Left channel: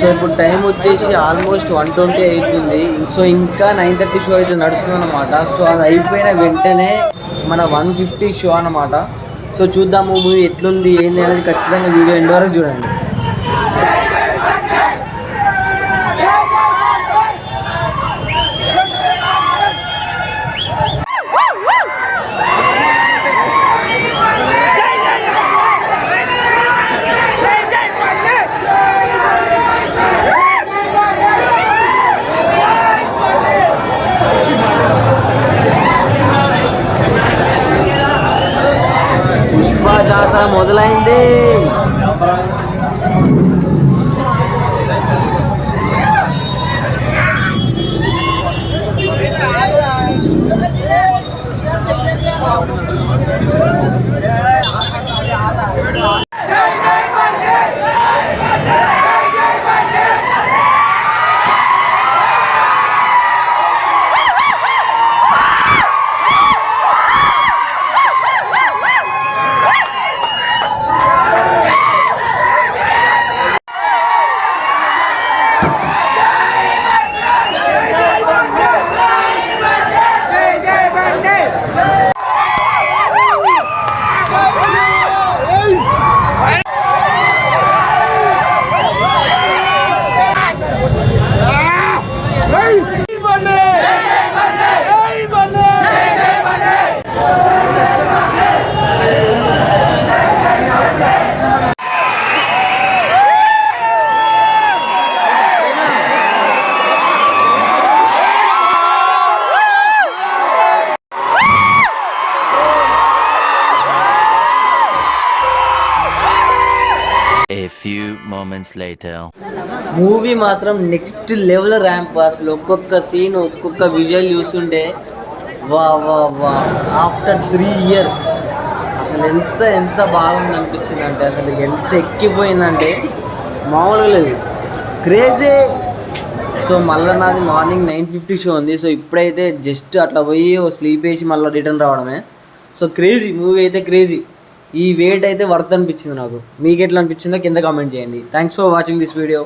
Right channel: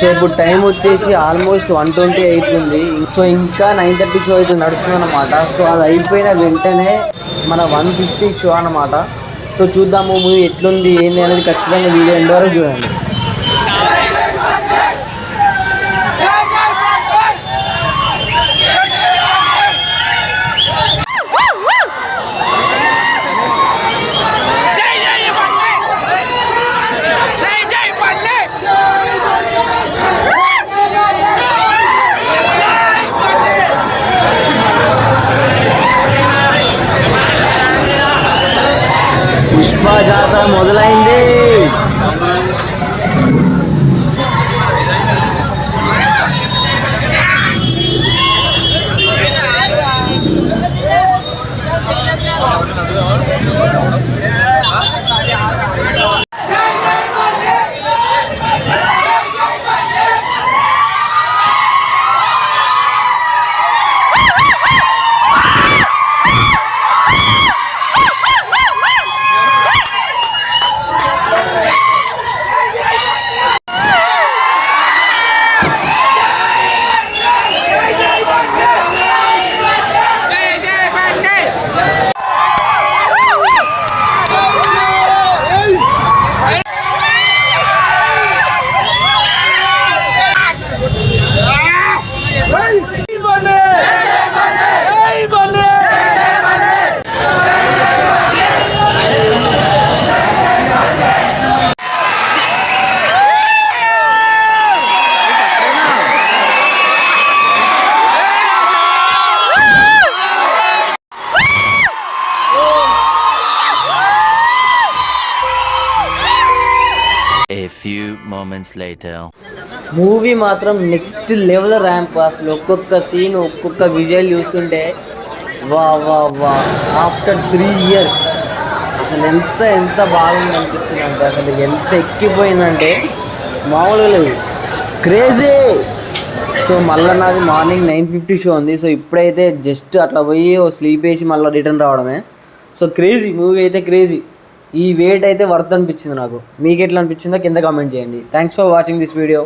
So ఇప్పుడు time వచ్చేసి almost 1:20 అయిపోయింది. సో ఇంకా 9:30 షో అయితే నడుస్తుంది అనమాట. సో అది అయిపోయిన వెంటనే మన 1:50 షో అనమాట. సో చూద్దాము మూవీ ఎట్లుంది ఏంది అనేది ఖచ్చితంగా వీడియో ఎండ్ వరకు చూడండి. పుష్ప జాతర మొదలైంది. A few moments later. Movie మాత్రం నెక్స్ట్ లెవెల్ ర్యాంప్. అసలు ఒక్కొక్క సీన్ ఒక్కొక్క విజువల్ చూస్తుంటే వా వా వా ఆఫ్టర్ 3 years అసలు ఎంత బాగుంది అనిపించింది అంటే అసలు ఎంత ఎక్కిపోయిందంటే మామూలుగా లేదు, క్రేజీ. సో మళ్ళీ నాది మార్నింగ్ 9:50 షో ఉంది. సో ఇప్పుడైతే జస్ట్ అట్లా పోయి స్లీప్ వేసి మళ్ళీ రిటర్న్ రావడమే. సో క్రేజీ మూవీ అయితే క్రేజీ. ఈ వెయిట్ అయితే వర్త్ అనిపించింది నాకు. మీకు ఎట్లా అనిపించిందో కింద కామెంట్ చేయండి. Thanks for watching this video.